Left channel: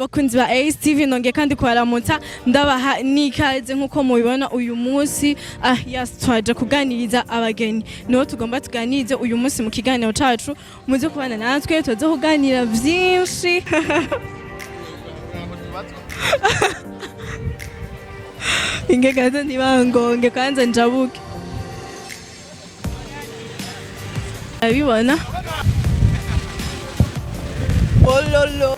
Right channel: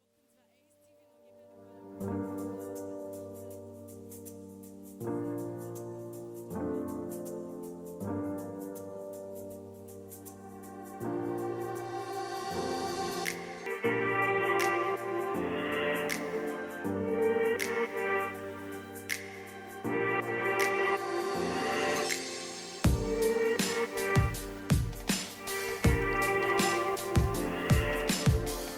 bakunzi ba ASE TV nonge kandi kubaramutsa ndabaha nikaze nkuko mubibona uyu munsi twaje kuganiriza abageni niho tugomba tuganirize uyu munsi mu kiganiro cacu muze kubana natwe tuze kuganira byinshi ingekaze ntibangonge kanze njabuke abibona ololo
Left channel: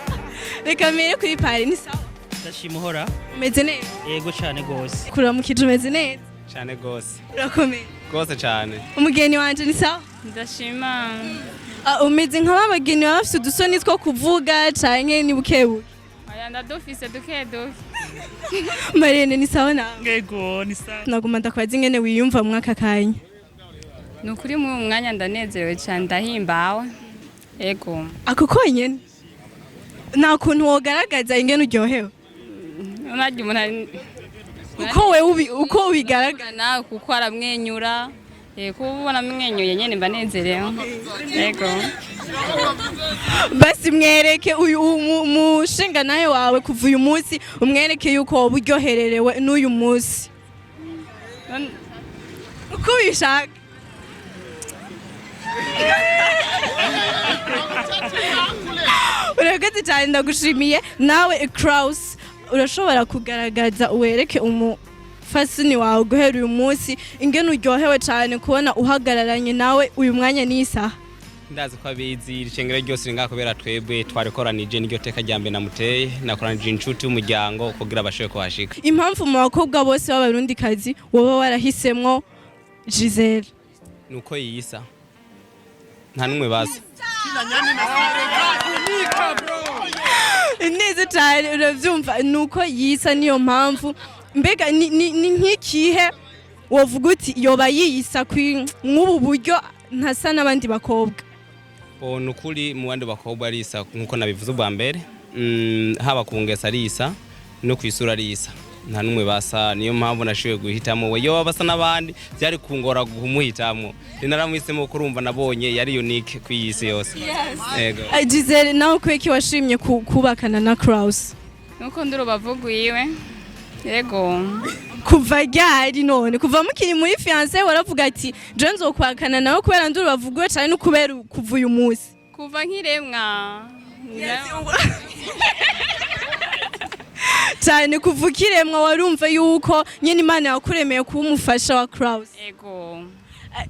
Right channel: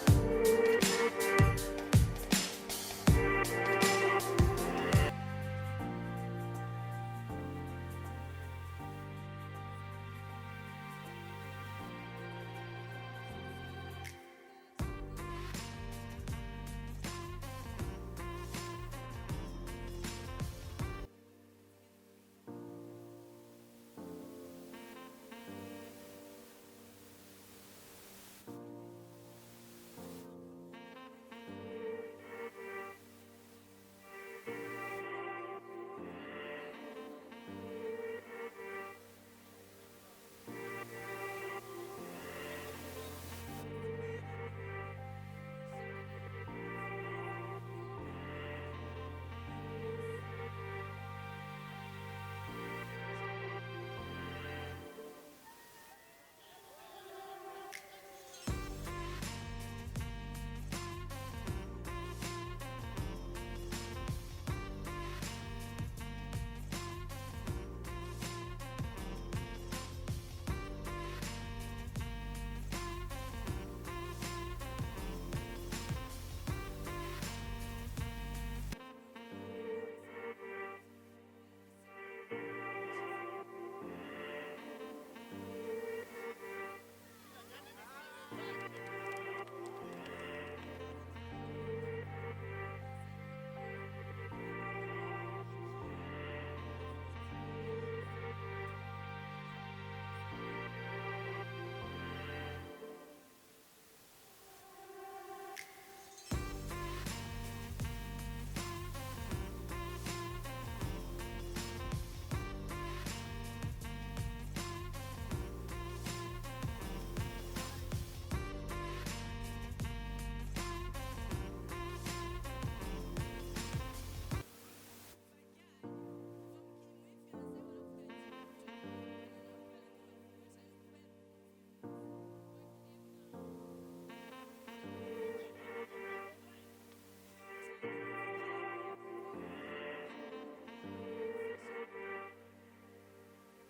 reka mbere kuri pari ni sawa ndashima uhora umeze neza yego cyane gose kuramukije umeze neza cyane gose urakomeye gose cyane umugeni wanje ni sawa ndashima umeze nk'abageni baba bafite udusoni two kuvuga canke ni bukebuke aya ndadufise duke Marene ni sawa nawe yego ni sawa naguma ndakwaza ingene wiyumva mwaka kanya nukuri mu mwanya ndanezerewe cyane ndahimbawe yego ako konyene nta kuntu wogaragaza ingene uryohewe unajya umuntu uko ubigaragara nawe kuko aramwenyura kuba ubona amwenyuye nyine mba nezerewe yego basi mwereke uyu mushinga nawe wawe kuva uyu munsi umwereke yuko wowe uryohererewe n'uyu munsi uko ubishaka urakoze cyane ndagushimiye nawe Kraus urashobora kugaragaza uwereke umufasini wawe guhera uyu munsi ingene uryohewe cyane kubona uhagararanye nawe uyu mwanya n'isaha ndazi ko abizi irishengero ryose ringa kubera twebwe twarikoranije n'iryo teka rya mbere namuteye nakoranije inshuti y'umuryango kugira abashobe kuhashika impamvu mu bakobwa bose b'abarundikazi wowe warahisemwo Giselle nuko yisa nta numwe baza neza cyane uravyumva nuko yisa niyo mpamvu mbega ni nk'ikihe wovuga uti yoba yiyisa nk'ubu buryo ntasa n'abandi bakobwa nukuri mu bandi bakobwa arisa nkuko nabivuze ubwa mbere haba ku ngesa arisa no ku isura arisa nta numwe basa niyo mpamvu nashoboye guhitamo we yoba basa n'abandi byari kungora kumuhitamo naramuhisemo kurumva nabonye yari unique ku isi yose yego Giselle nawe kweki washimye kubakana na Kraus nuko ndurubavuga iwe yego kuva ryari none kuva mukiri muri fiancé waravuga ati je nzokwakana nawe kubera ndurubavuga cyane no kubera kuva uyu munsi kuva nkiremwa cyane kuva ukiremwa warumva yuko nyine Imana yakuremeye kuba umufasha wa Kraus yego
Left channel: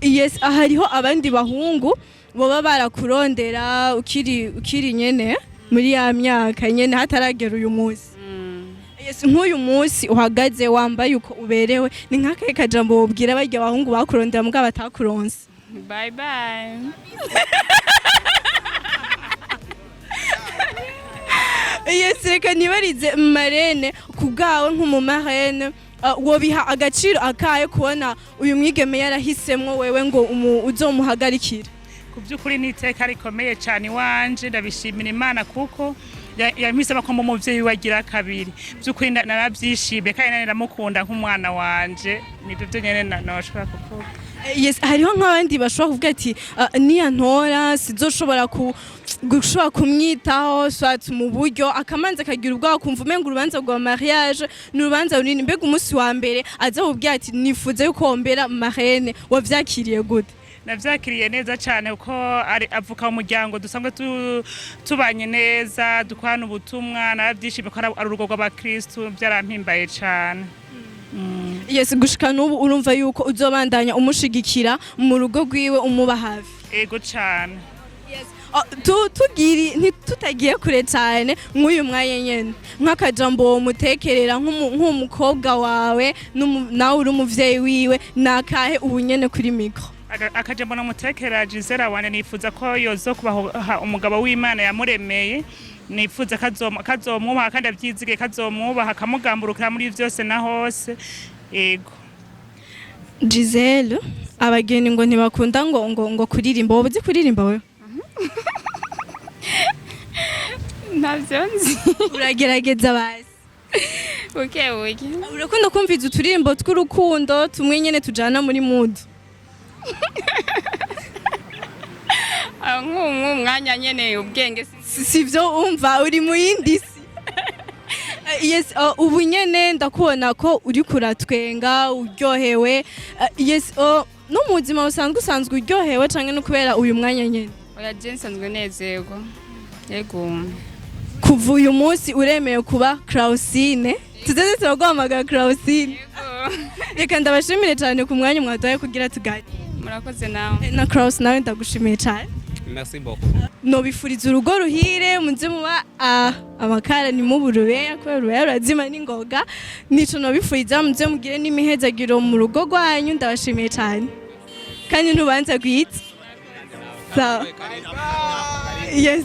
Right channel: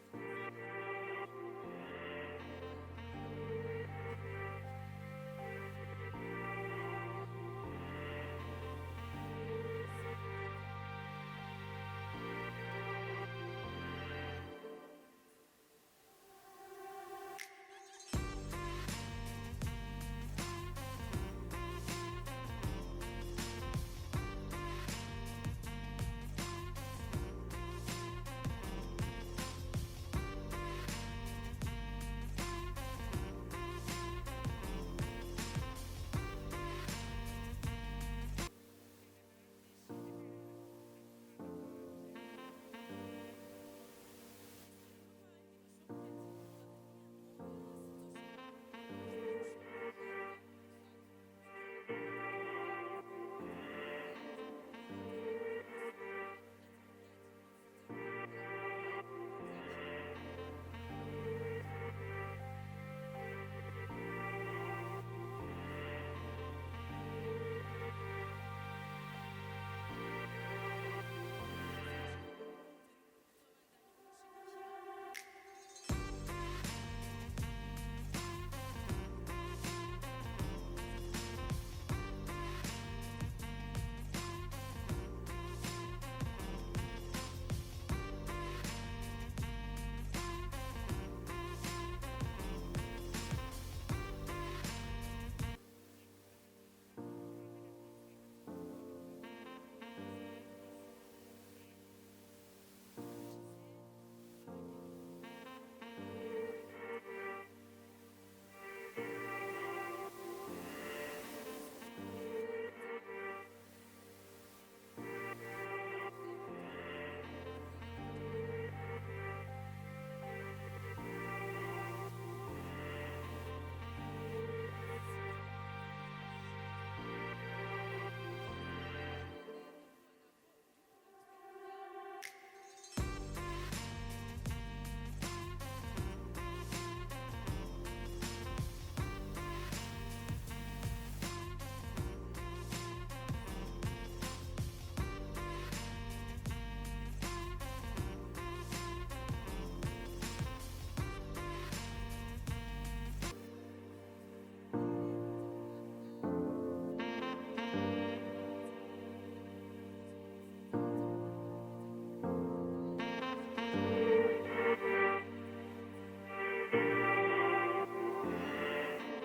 yes hariho abandi bahungu boba barakurondera ukiri nyene muri ya myaka nyene hataragera uyu munsi yes nk'uyu munsi uhagaze wambaye uko uberewe ni nk'akahe kajambo wobwira barya bahungu bakurondera mugabo batakuronse bye bye yes reka nibarize Marene kubwawe nk'umumarene wobiha agaciro akaye kubona uyu mwigeme yarahisemwo wewe ngo uzomuhagarikire ku by'ukuri n'iteka rikomeye cyane iwanje ndabishimira Imana kuko yampisemo ko mu muvyeyi wagira kabiri by'ukuri narabyishimiye kandi naramukunda nk'umwana wanje nibyo byo nyene nashobora kuvuga yes hariho nk'abandi bashobora kuvuga ati niya ntora sizoshobora gushobora kumwitaho swat mu buryo akamanza akagira ubwoba kumva umenga urubanza rwa mariage n'urubanza runini mbega umunsi wa mbere aza kubwira ati nifuza yuko wombera marraine wavyakiriye gute navyakiriye neza cyane uko avuka mu muryango dusanzwe tubanye neza dukorana ubutumwa narabyishimiye ko ari urugo rw'abakristu byarampimbaye cyane yes gushika n'ubu urumva yuko uzobandanya umushigikira mu rugo rwiwe umuba hafi yego cyane tutagiye kure cyane nk'uyu mwanya nyene nk'akajambo mutekerera nk'umukobwa wawe nawe uri umuvyeyi wiwe nakahe ubu nyene kuri mikro akajambo namutekera Giselle wane nifuza ko yozo kubaha umugabo w'Imana yamuremeye nifuza kazomwubaha kandi abyizige kazomwubaha akamugamburukira muri byose na hose yego Giselle abageni ngo ntibakunda ngo kuririmba wowe uzi kuririmba wewe ntabyo nzi uragerageza basi buke urakunda kumviza uturirimbo tw'urukundo tumwe nyene tujana muri mood nk'umwanya nyene ubwenge sivyo umva uri mu yindi si yes ubu nyene ndakubona ko uri kuratwenga uryohewe yes no mu buzima usanzwe uryohewe canke no kubera uyu mwanya nyene oya je nsanzwe nezerwa yego kuva uyu munsi uremewe kuba Clausine tuzaze turaguhamagara Clausine reka ndabashimire cyane ku mwanya mwaduhaye kugira tugane murakoze nawe na Claus nawe ndagushimiye cyane merci beaucoup nobifuriza urugo ruhire muze muba amakara ni mu burubeya kubera urubeya rurazima n'ingoga nico nobifuriza muze mugire n'imihezagiro mu rugo rwanyu ndabashimiye cyane kandi ntubanza gwitse sawa yes